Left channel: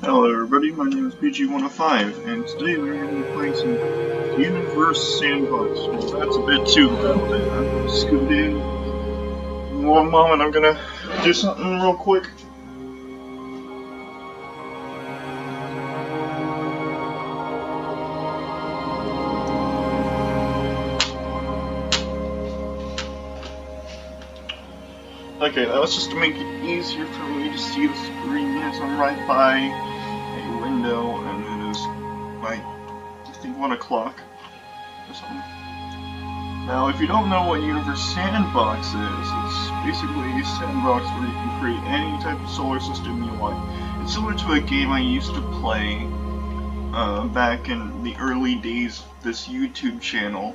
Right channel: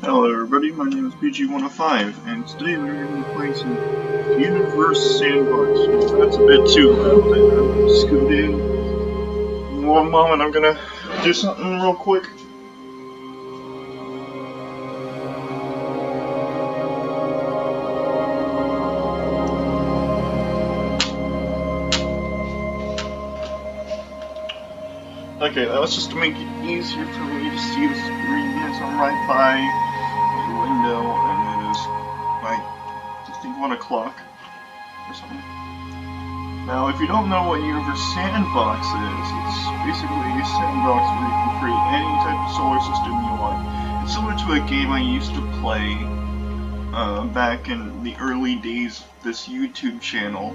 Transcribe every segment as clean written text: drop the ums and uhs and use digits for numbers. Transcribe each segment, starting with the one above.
Hello everybody, my name is BG105, and today we're going to be playing some Universe Sandbox. Well, that's a bit too loud. I'm going to scoot in. One moment, I'm going to do something real quick. Okay, that was just to make it easier for me to see the screen as I'm right by a window, and it is like, I think 1 o'clock or something. Now, if you don't know what Universe Sandbox is, it's basically a sandbox where you can create any type of solar system you want. It's similar to a game I used to play back in the early days of this YouTube channel,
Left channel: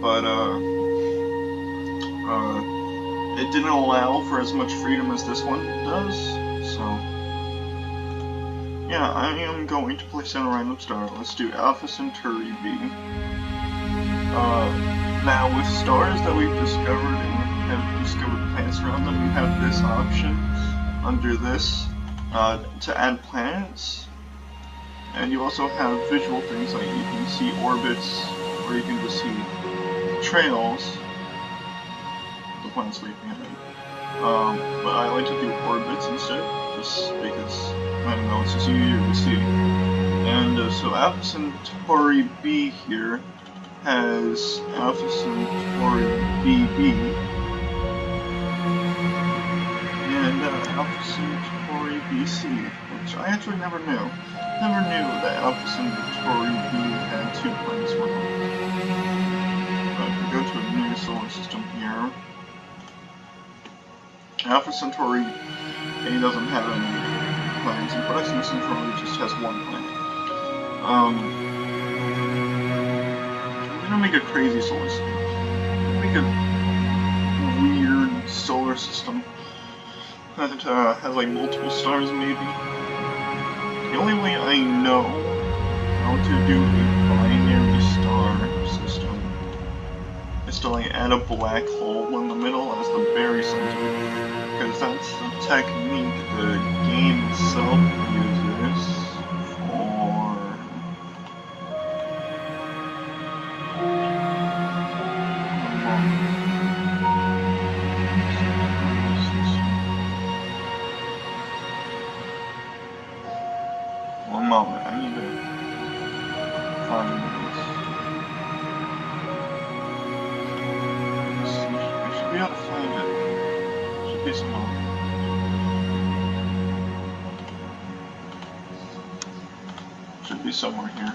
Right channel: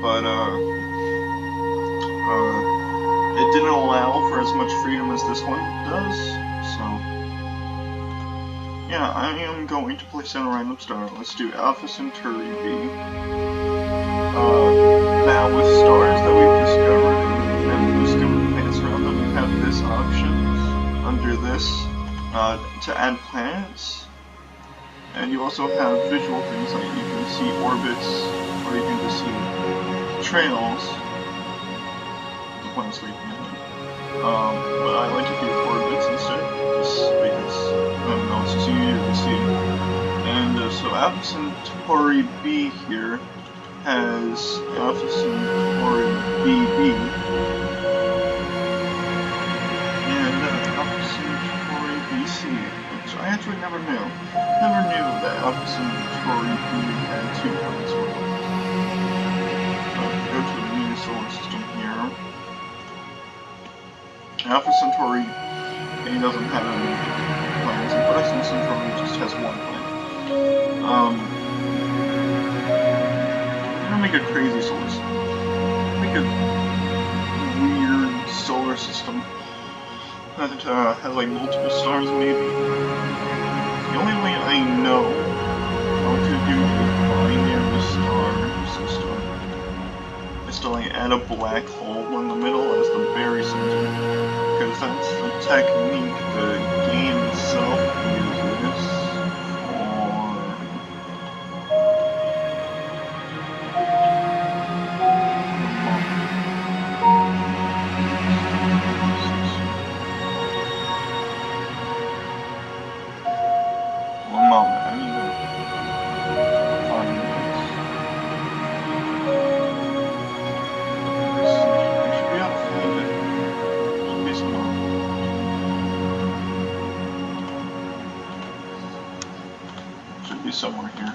but it didn't allow for as much freedom as this one does, so yeah, I am going to place down a random star. Let's do Alpha Centauri B. Now, with stars that we've discovered and discovered planets around them, you have this option under this to add planets, and you also have visual things like you can see orbits, or you can just see trails. The planet's leaving ahead. But I like to do orbits instead, just because, I don't know, it's just easier to see. And so Alpha Centauri B here has Alpha Centauri BB and Alpha Centauri BC, which I actually never knew. Never knew that Alpha Centauri B had 2 planets around it. If we go to a new solar system here, Alpha Centauri A doesn't have any planets, and Proxima Centauri just has 1 planet. I'm gonna make a crazy solar system. I'm gonna make a weird solar system that has like multiple stars, maybe. The only way I know how to do a binary star system is to like add a black hole in the middle as the barycenter, because that's the technique the game itself uses for one moment, I need to find this. I should be able to find it. Should be somewhere. Should be somewhere here.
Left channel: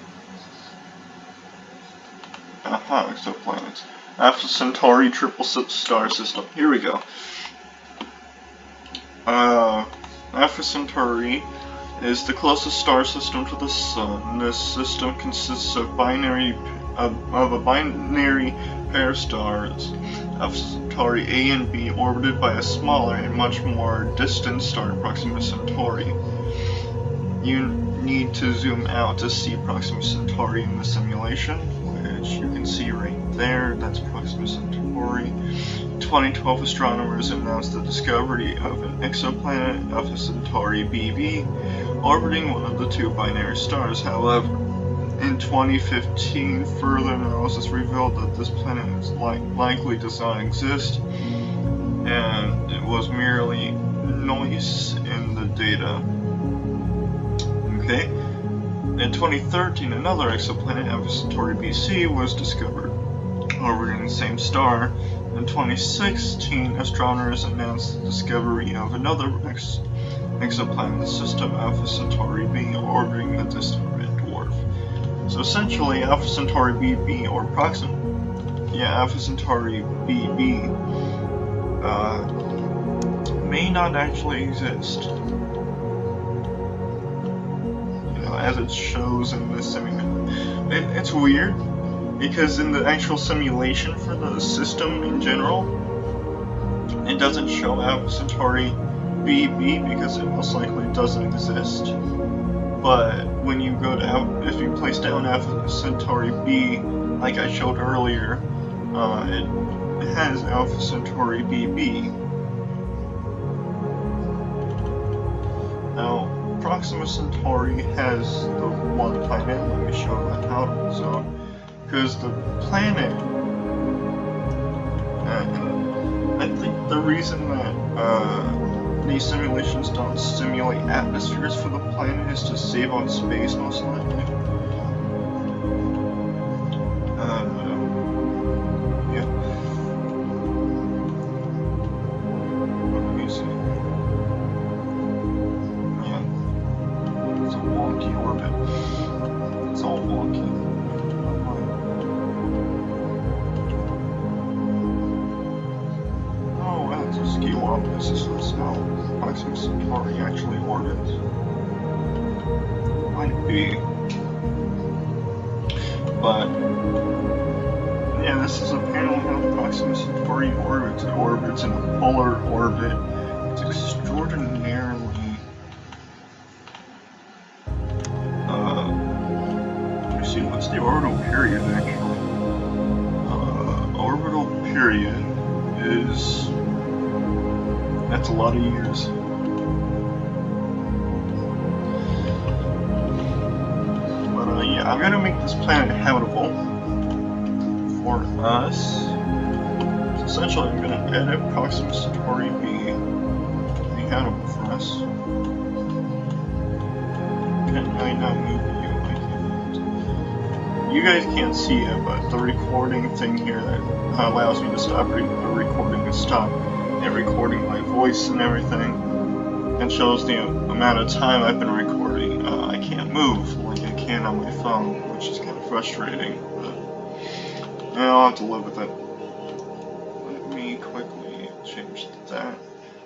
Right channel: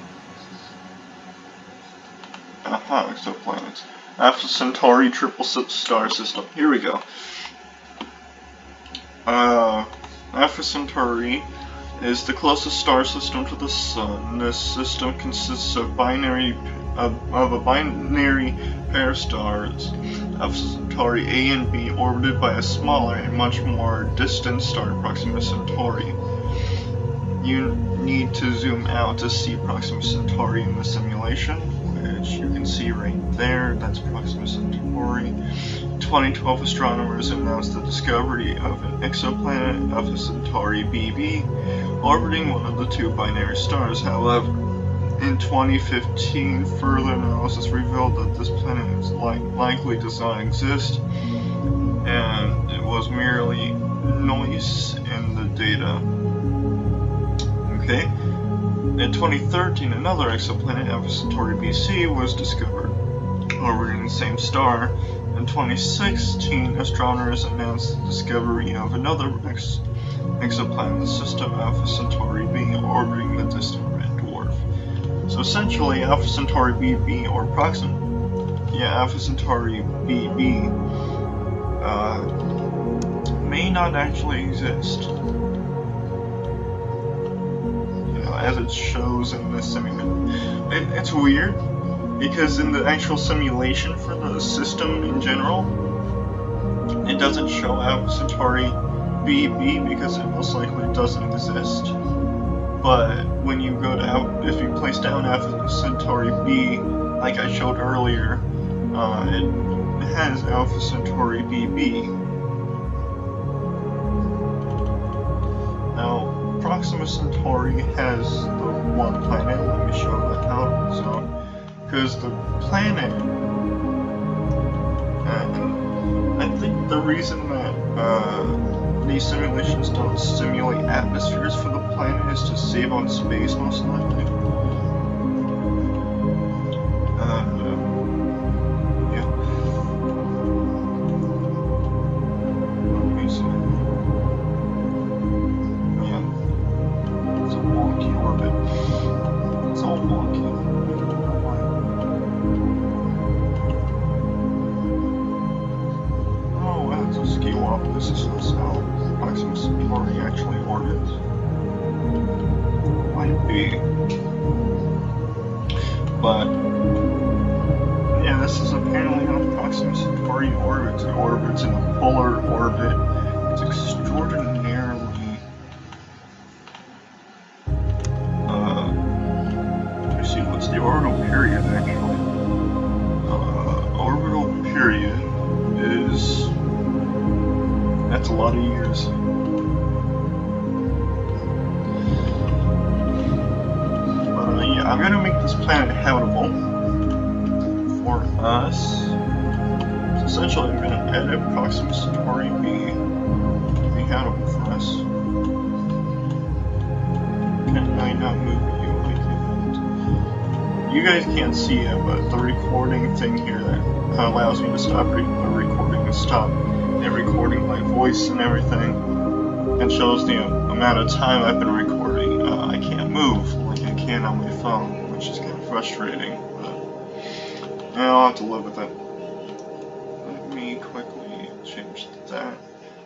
Aha, exoplanets. Alpha Centauri triple star system. Here we go. Alpha Centauri is the closest star system to the Sun. This system consists of a binary pair of stars, Alpha Centauri A and B, orbited by a smaller and much more distant star, Proxima Centauri. You need to zoom out to see Proxima Centauri in the simulation, which you can see right there. That's Proxima Centauri. 2012 astronomers announced the discovery of an exoplanet, Alpha Centauri BB, orbiting one of the 2 binary stars. However, in 2015, further analysis revealed that this planet likely does not exist, and it was merely noise in the data. Okay. In 2013, another exoplanet, Alpha Centauri BC, was discovered, orbiting the same star. In 2016, astronomers announced the discovery of another exoplanet in the system, Alpha Centauri B, orbiting the distant red dwarf. So essentially, Alpha Centauri BB, or Alpha Centauri BB, may not actually exist. As it shows in this simulation. It's weird, because in the actual simulation for the system in general, it doesn't show Alpha Centauri BB because it most likely doesn't exist. But when you go to if you place down Alpha Centauri B, like I showed earlier, it has Alpha Centauri BB. Now, Proxima Centauri has the one planet. Let me show that how. So, because the planet, and I think the reason that these simulations don't simulate atmospheres for the planet is to save on space, most likely. Yeah. Let me see. Man, it's a wonky orbit. It's all wonky. I don't know why. Oh, that's a ski walk. This is how Proxima Centauri actually orbits. Might be. But yeah, this is apparently how Proxima Centauri orbits. It orbits in a polar orbit. It's extraordinarily let me see, what's the orbital period actually? Orbital period is, that's a lot of years. But yeah, I'm gonna make this planet habitable for us. So essentially, I'm gonna edit Proxima Centauri B to be habitable for us. Can I not move you? I can't. You guys can't see it, but the recording thing here that allows me to stop the recording and stop it recording my voice and everything, and shows the amount of time I've been recording. I can't move like I can on my phone, which is kind of frustrating, but I'll have to live with it. Let me quickly change that.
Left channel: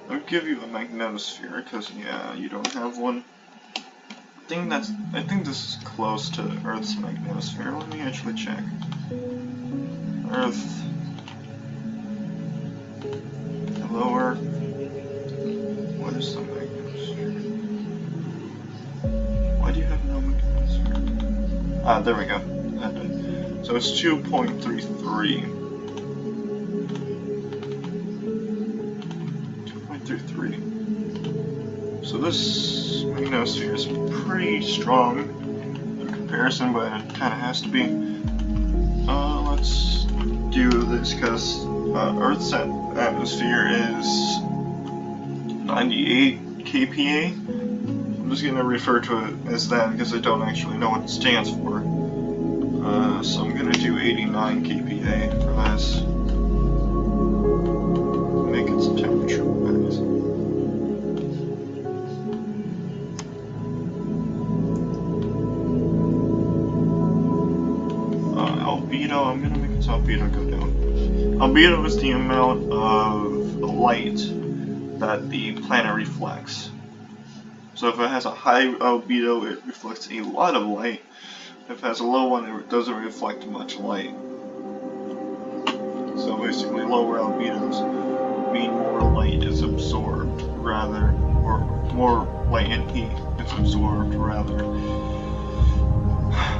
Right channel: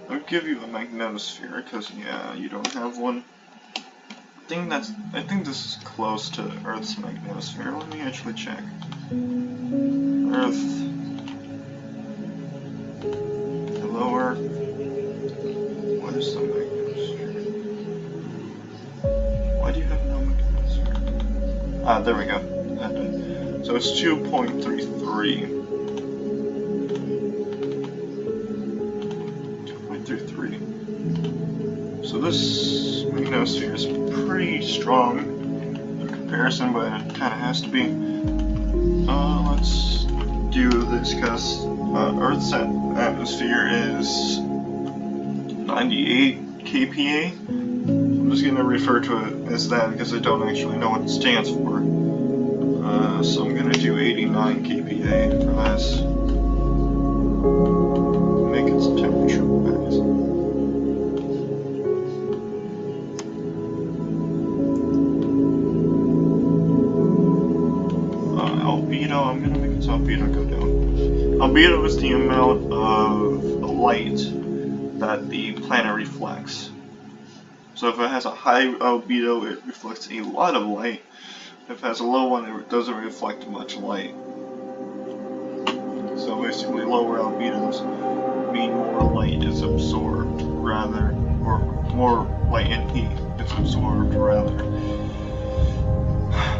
I'll give you a magnetosphere, because yeah, you don't have one. I think this is close to Earth's magnetosphere. Let me actually check. Earth. Hello, Earth. What is the magnetosphere? Why do you have no magnetosphere? Ah, there we go. So it's 2.33. 2.33. So this magnetosphere is pretty strong in comparison, but it kind of has to be. Let's do this because Earth's atmosphere is 98 kPa. I'm just going to refer to it as that because I don't actually know what it stands for. So I'm going to do 89 kPa for this. Make its temperature rise. Albedo, I'm going to make its albedo go down. Albedo is the amount of light that the planet reflects. So if it has a high albedo, it reflects a lot of light. If it has a low one, it doesn't reflect much light. So basically lower albedos mean more light is absorbed rather, or more light and heat is absorbed rather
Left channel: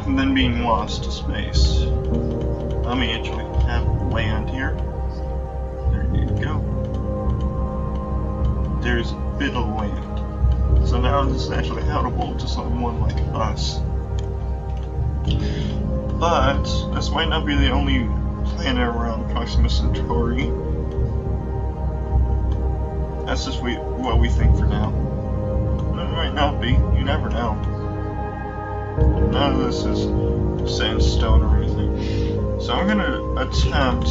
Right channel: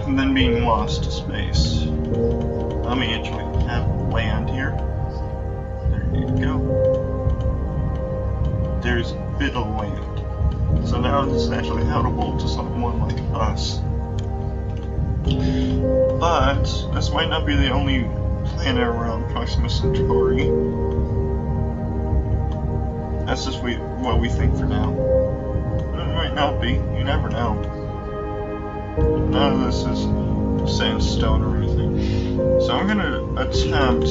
than being lost to space. Let me actually have land here. There you go. There's a bit of land. So now this is actually habitable to someone like us. But this might not be the only planet around Proxima Centauri. That's just what we think for now. It might not be. You never know. None of this is sandstone or anything. So I'm gonna attempt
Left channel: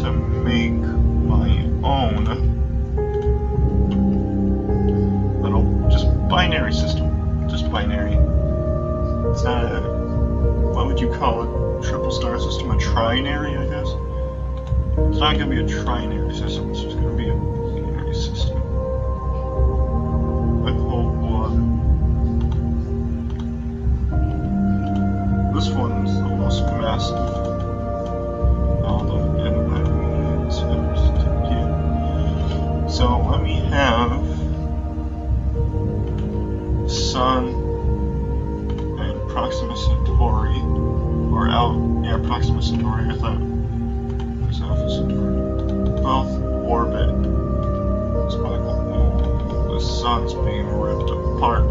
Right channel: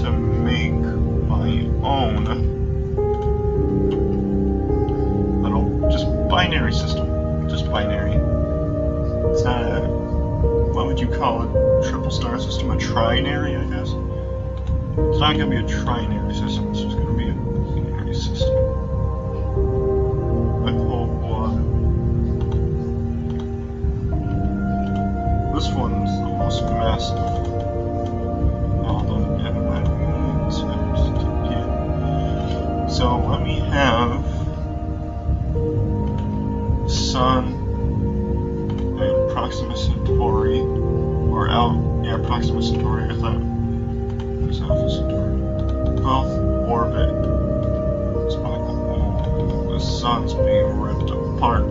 to make my own little just binary system. Just binary. It's not a, what would you call a triple star system? A trinary, I guess? It's not gonna be a trinary system, it's just gonna be a binary system. I pull one. This one's the most massive. Although, and let me attempt to get. So let me have Sun and Proxima Centauri, or Proxima Centauri. I thought it was Alpha Centauri. Both orbit. It's like, oh, the sun's being ripped apart.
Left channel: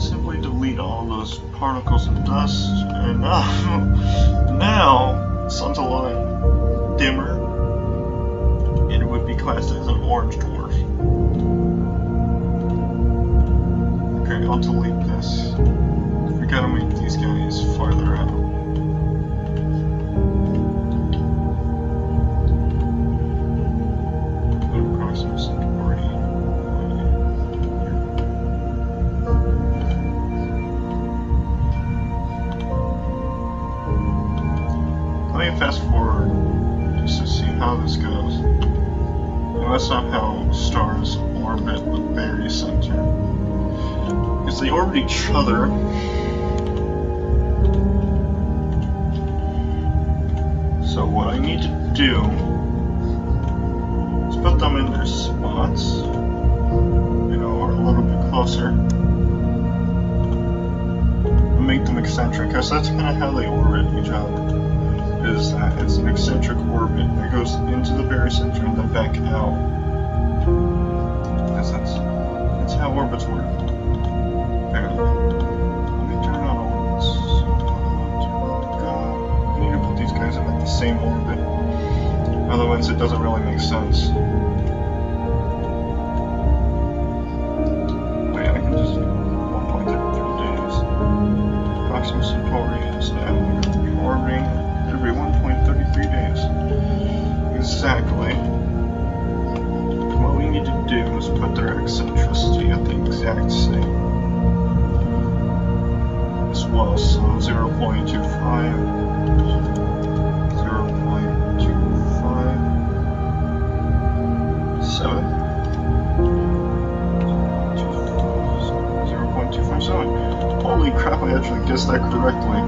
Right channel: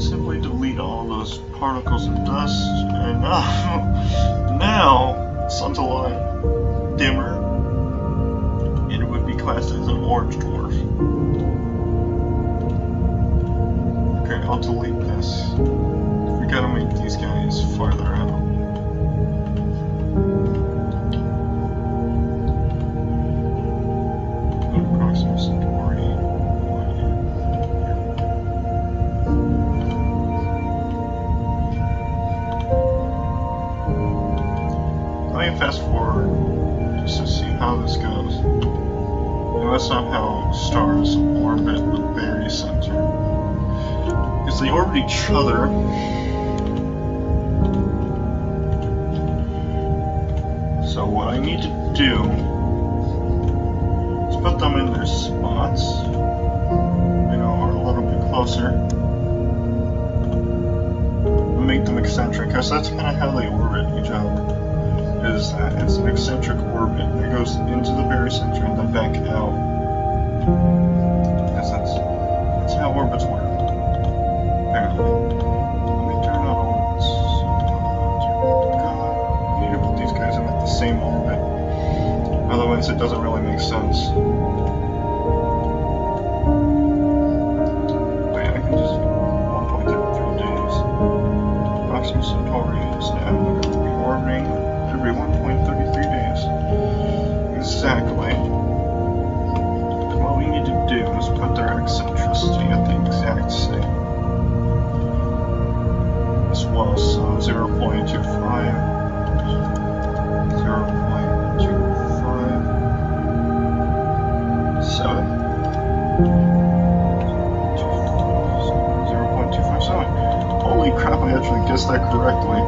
can simply delete all those particles and dust, and now the sun's a lot dimmer, and it would be classed as an orange dwarf. Okay, I'll delete this. We gotta make these guys farther out. Let me fast forward just to see how this goes. And that's not how stars orbit the very center. Because they orbit each other. So what I need to do is put them in their spots, or a little bit closer, and make them eccentric, because that's kind of how they orbit each other. Is that it's an eccentric orbit that goes into the very center and then back out. Because that's how orbits work, apparently. Let me turn on orbits. You need to put these guys in the same orbit. Otherwise it doesn't really make sense. Wait, I can just do 1.33 days. Proxima Centauri is now going to be orbiting every 1.33 days. Exactly. What we need to do is put their eccentricity at the exact same as well. So 0.25, 0.257, 0.257. Holy crap, I actually guessed that correctly.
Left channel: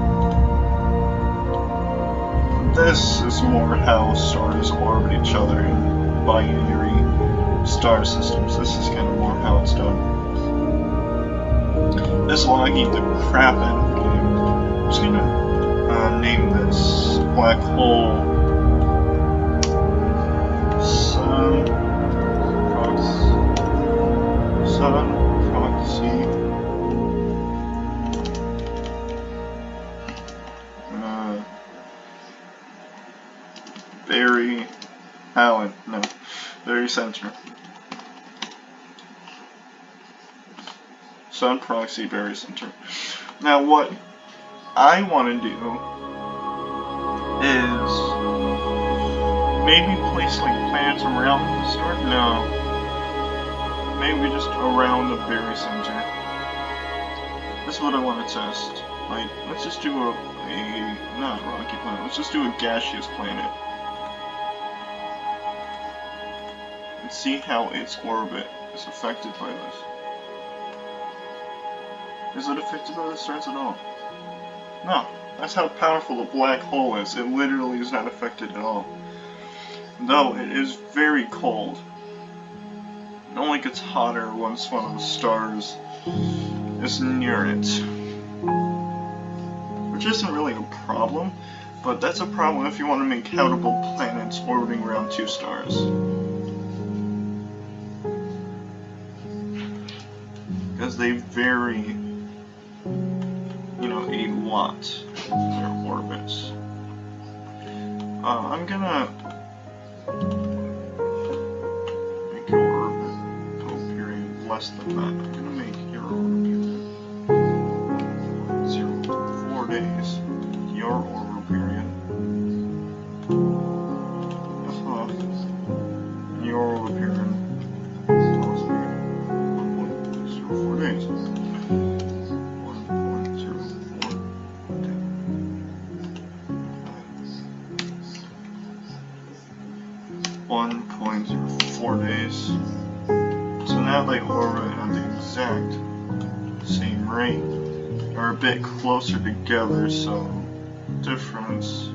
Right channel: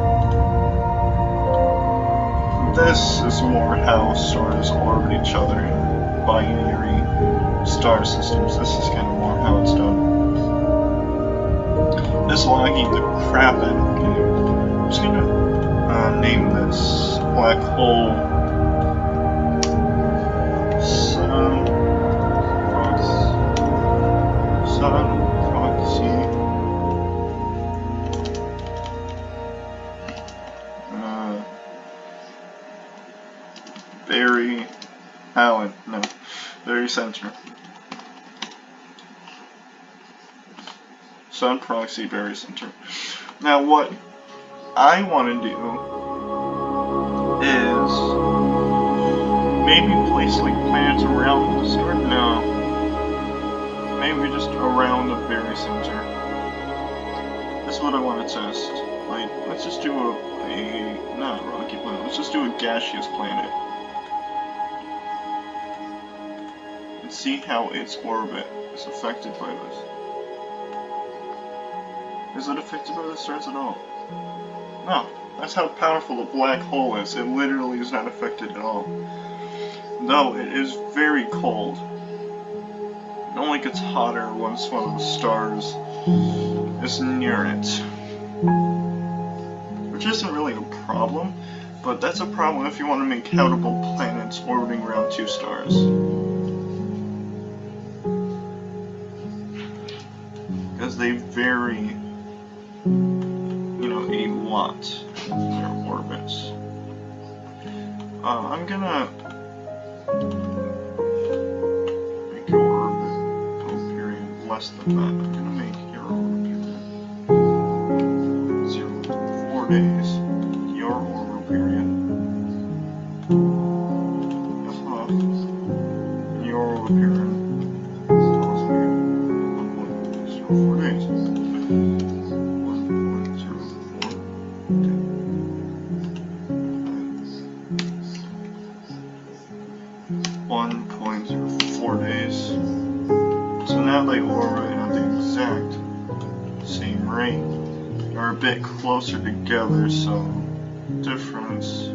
This is more how stars orbit each other in binary star systems. This is kind of more how it's done. This is lagging the crap out of the game. I'm just gonna name this black hole Sun Proxy very center. Sun proxy very center. Now what I want to do is maybe place like planets around the star. No, maybe just around the very center. This is what I want to test. Like, let's just do a not a rocky planet. Let's just do a gaseous planet. And see how its orbit is affected by this. Is it affected by the stars at all? No. That's how powerful the black hole is. It literally is not affected at all. Though it is very cold. It only gets hotter once one of the stars is near it. Which isn't really a problem, but that's a problem if you want to make habitable planets orbiting around two stars. Because they vary, a lot in their orbits. I'm gonna make your orbital period less than that. I'm gonna make your orbital period 4 days. Your orbital period. Your orbital period. 1.04 days. 1.04 days. So now they orbit at the exact same rate. They're a bit closer together, so difference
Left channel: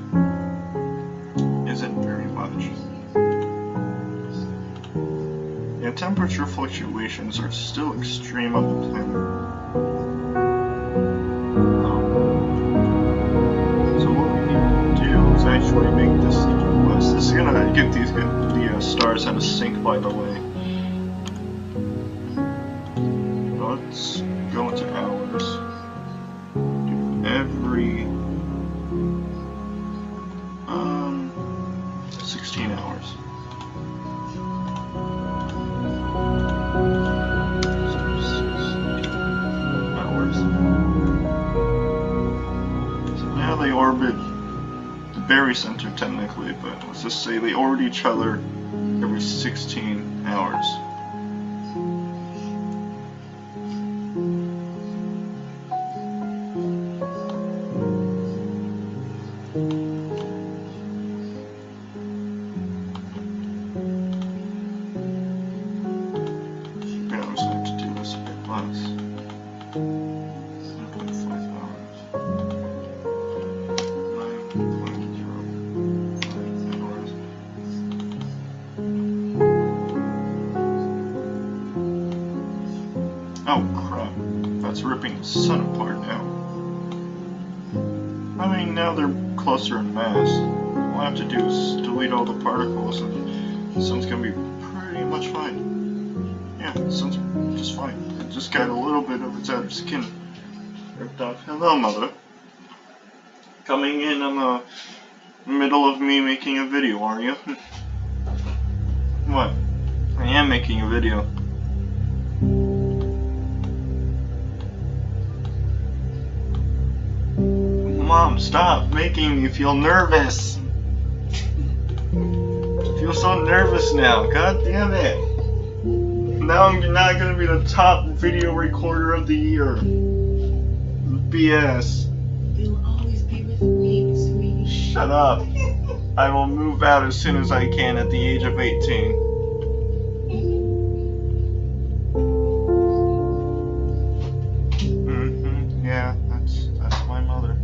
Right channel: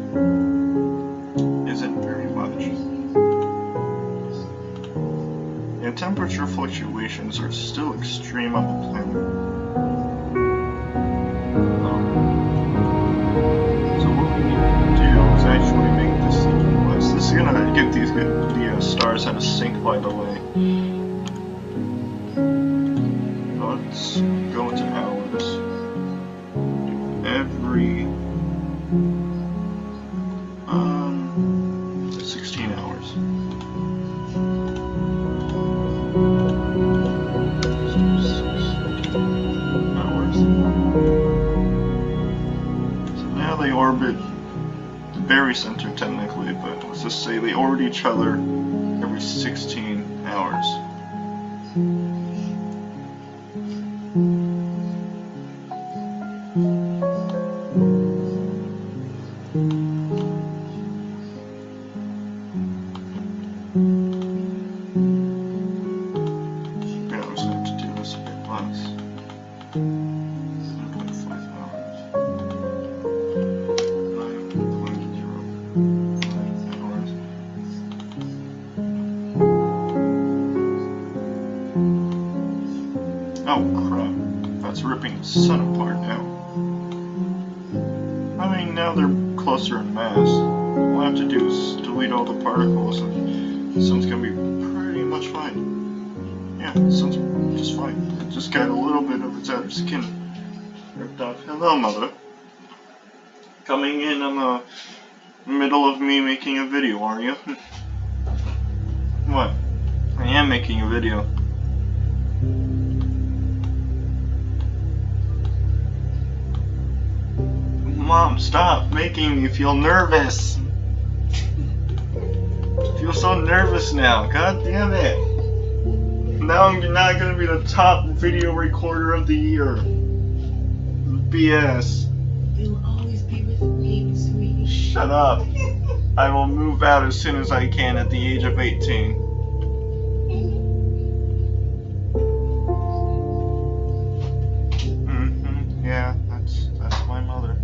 isn't very much. Yeah, temperature fluctuations are still extreme on the planet. So what we need to do is actually make this sequence. This is gonna get the stars out of sync, by the way. So let's go into hours. Every 16 hours. So now they orbit the berry center technically, but let's just say they orbit each other every 16 hours. Yeah, I'm just going to do this a bit less. 1.5 hours. 9.05 hours. Oh crap, that's ripping the sun apart now. I mean, now they're closer in mass. All I have to do is delete all the particles and the sun's gonna be pretty much fine. Yeah, the sun's just fine. It just got a little bit of its outer skin ripped off. Hello, Mother. Coming in on the middle of me making a video, are you? What? I am making a video. Mom, stop making me feel nervous. I feel so nervous now. God damn it. Now I'm not gonna be the top video recorder of the year. BS. You'll always be with me, sweetie. Shut up. I will move out as soon as I can at the age of 18. Yeah, that's my mother.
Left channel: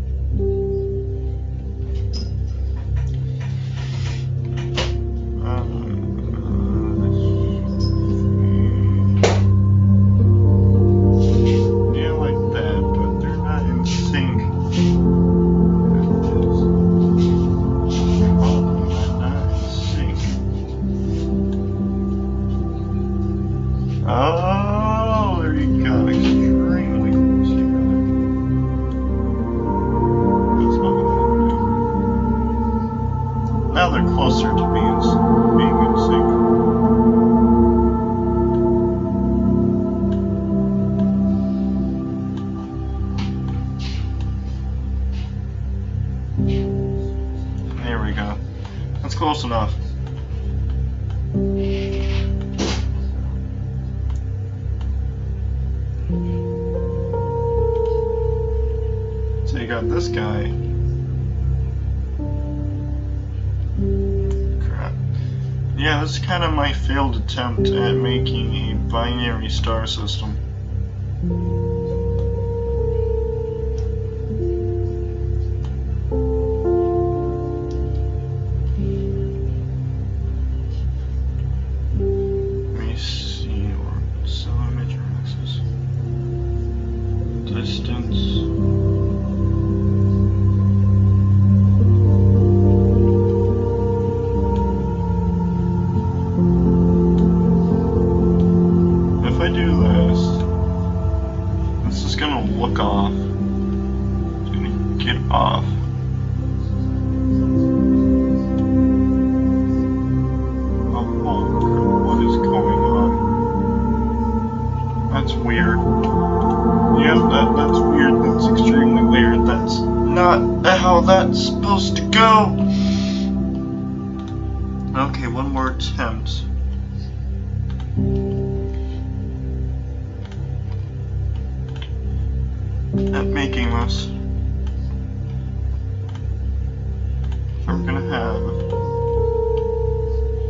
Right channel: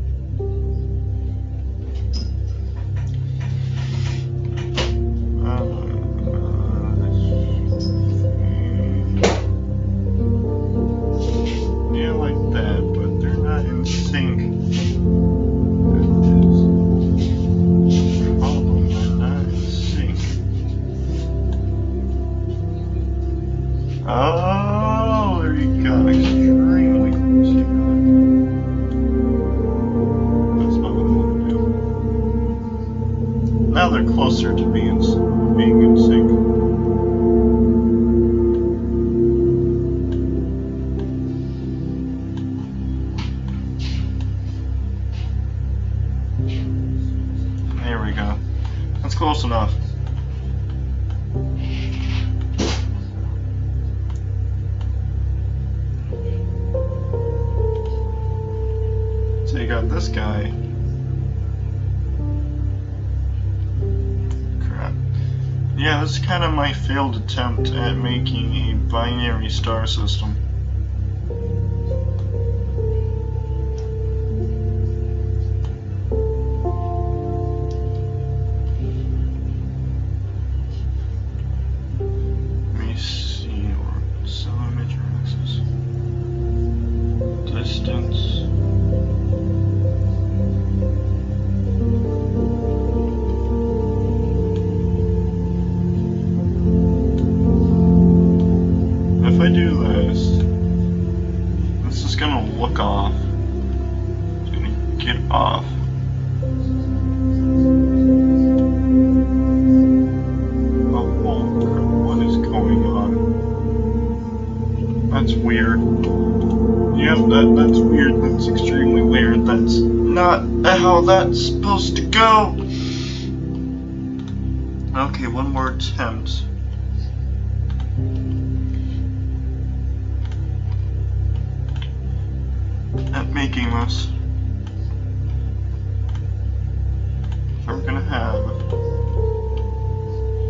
Yeah, like that, but they're not in sync. Problem, they're not in sync. Oh, there you go. Extremely close together. That's not what I want to do. Now they're closer to being in sync. There we go. That's close enough. So you got this guy. Crap. Yeah, this is kind of my failed attempt at making a binary star system. Let me see, or solar major axis. Distance. If I do this is gonna look off. It's gonna get off. Oh, holy crap, what is going on? That's weird. Yep, that's weird. That's extremely weird. That's not how that's supposed to go. Okay, one more attempt. At making this. So we're gonna have,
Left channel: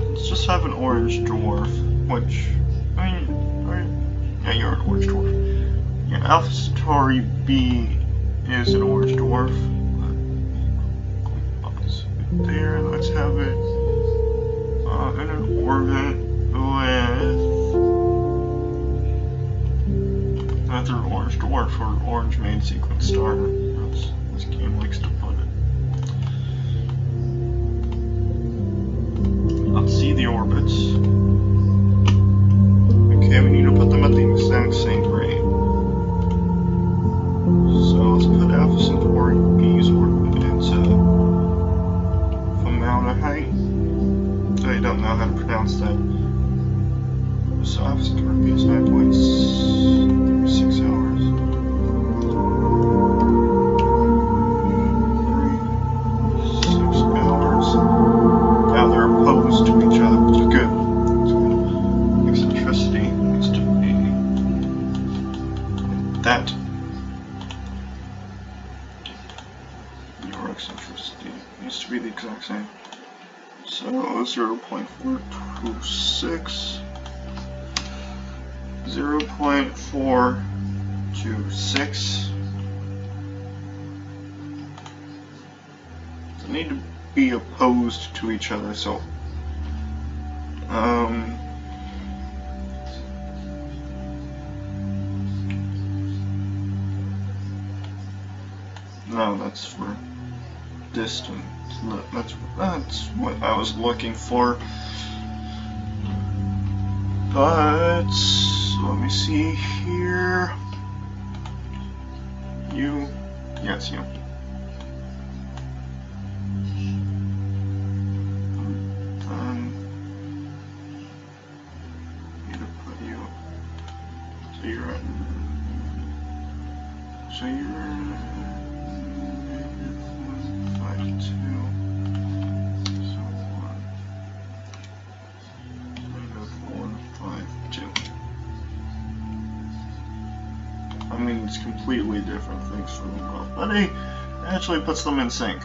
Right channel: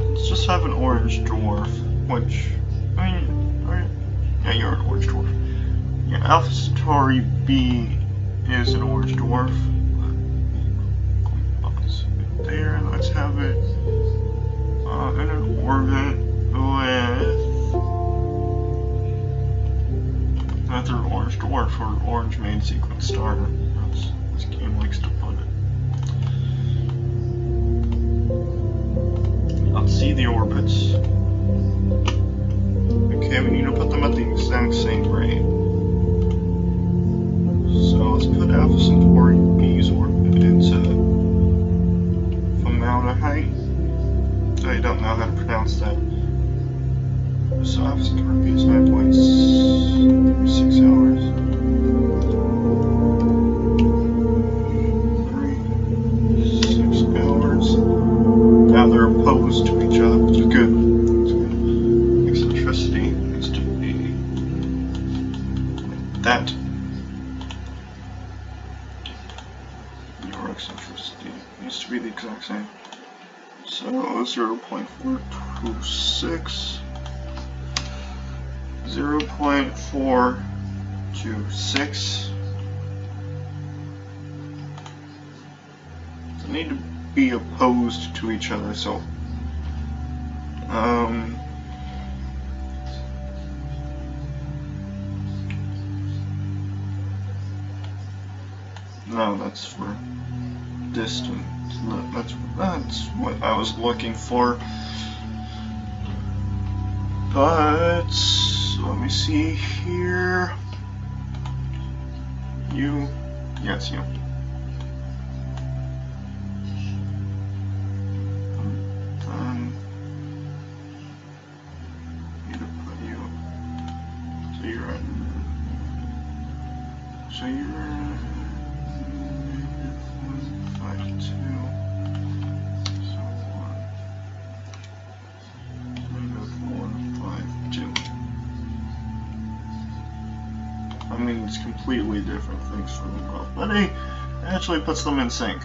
let's just have an orange dwarf, which, I mean, yeah, you're an orange dwarf. Yeah, Alpha Centauri B is an orange dwarf. There, let's have it in an orbit with another orange dwarf or orange main sequence star. That's this game likes to put it. Let's see the orbits. Okay, we need to put them at the exact same rate. pronounce that. So opposite Turkey is 9.36 hours. 6 hours. Now they're opposed to each other, which is good. It's good. Eccentricity needs to be like that. Your eccentricity needs to be the exact same. So 0.426. 0.426. They need to be opposed to each other, so no, that's for distance. That's what I was looking for. But let me see here. You, yes, you. Need to put you. So you're at. So you're 152. So 152. I mean, it's completely different things for them both, but hey, it actually puts them in sync.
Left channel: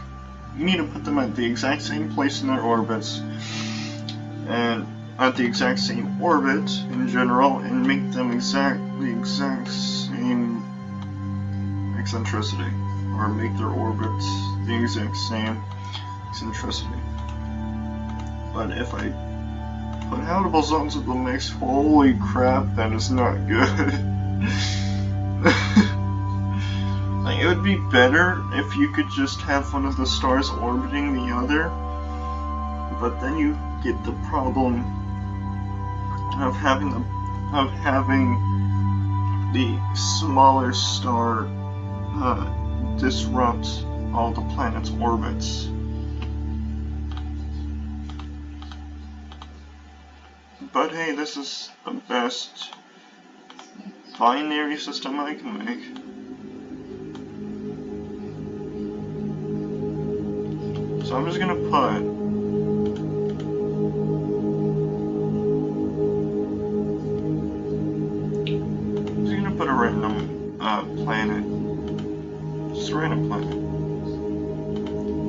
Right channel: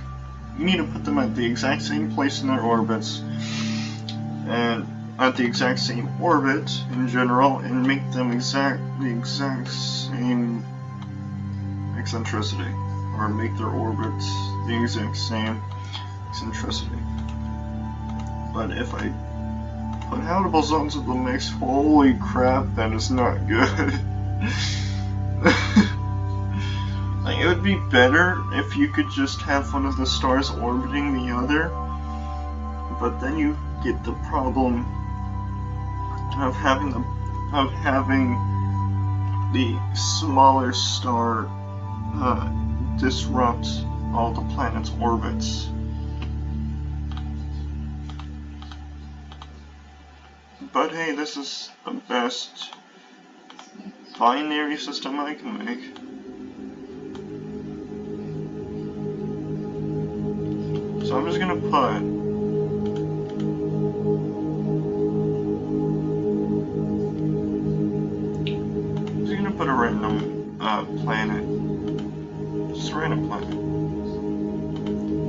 You need to put them at the exact same place in their orbits, and at the exact same orbit in general, and make them the exact same eccentricity, or make their orbits the exact same eccentricity. But if I put habitable zones in the mix, holy crap, that is not good. Like, it would be better if you could just have one of the stars orbiting the other, but then you get the problem of having the smaller star disrupt all the planet's orbits. But hey, this is the best binary system I can make. So I'm just gonna put a random planet. Just a random planet.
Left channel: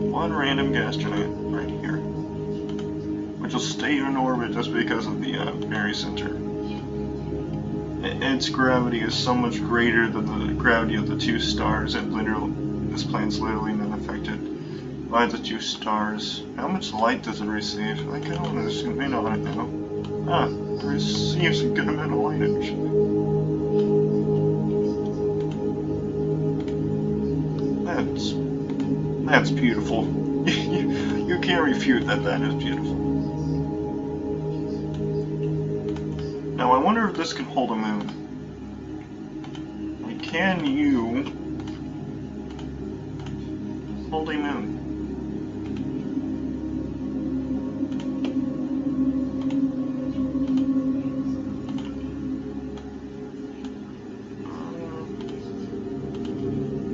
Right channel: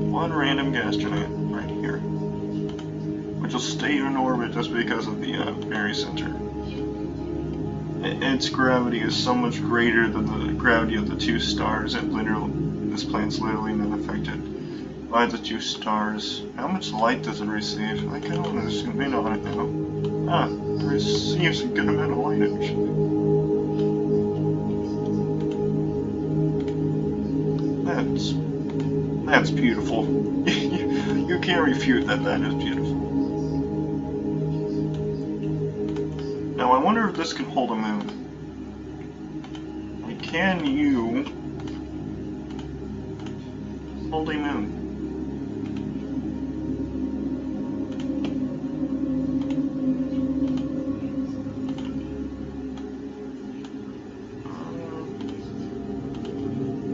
One random gas giant right here. Which will stay in orbit just because of the barycenter. Its gravity is so much greater than the gravity of the two stars, this planet's literally not affected by the two stars. How much light does it receive? I kind of want to zoom in on it now. It receives a good amount of light actually. That's beautiful. You can't refute that is beautiful. Now I wonder if this can hold a moon. Like, can you hold a moon?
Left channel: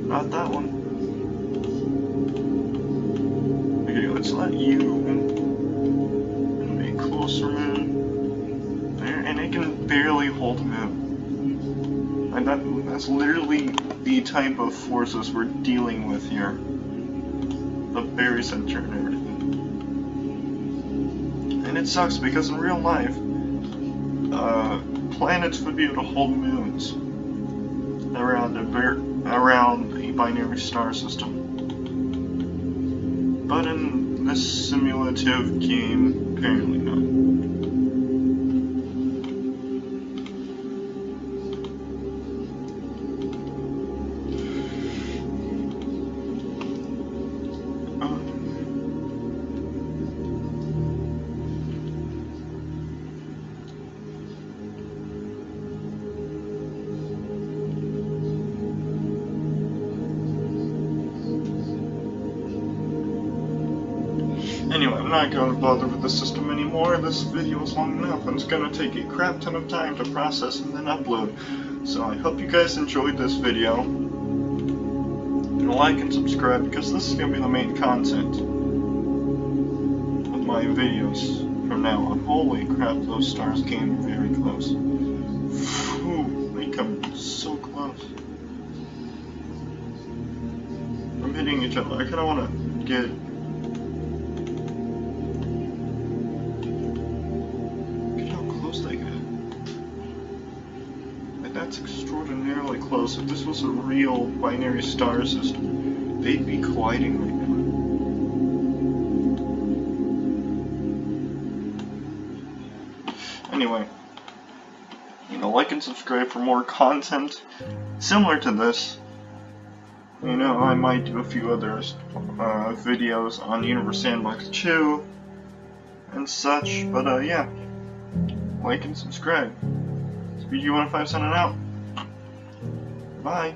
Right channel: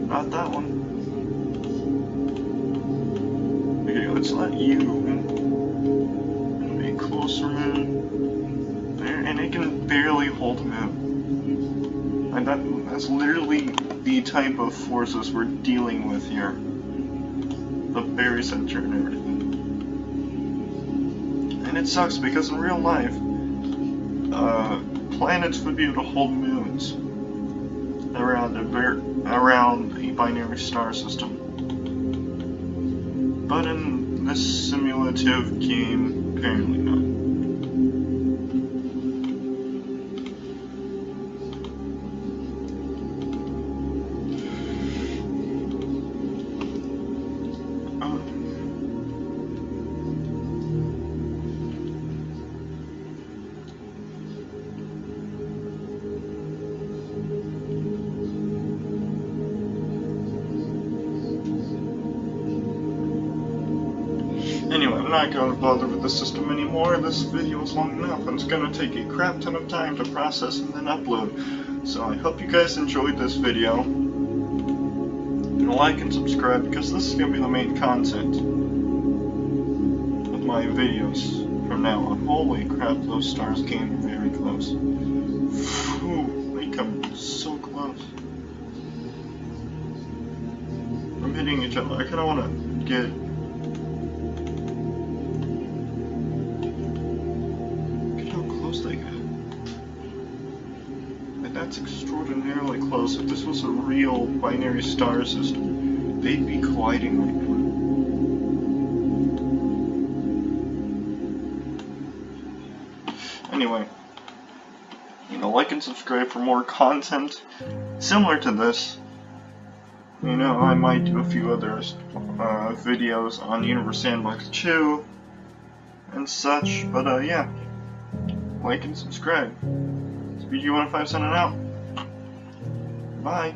Not that one. Okay, let's let you be closer moon. There, and it can barely hold a moon. And that's literally the type of forces we're dealing with here. The barycenter and everything. And it sucks because in real life, planets would be able to hold moons around a binary star system. But in this simulative game, apparently not. Anyway, I'm not going to bother with the system anymore. This video is long enough, and it's going to take a crap ton of time to process and then upload. So I hope you guys enjoyed this video. And like and subscribe, because this is going to be the main content of my videos from now on. Holy crap, those stars came very close. Whew, they come so close. I'm hitting each other. I kind of want to get... Look how close they get. Like, that's extraordinarily close. If this was a real binary star system, they'd be colliding right now. Anyway, like and subscribe for more content similar to this. I might do a few other videos on Universe Sandbox 2 and such, but yeah, like and subscribe. SpeedG15 signing out. Bye.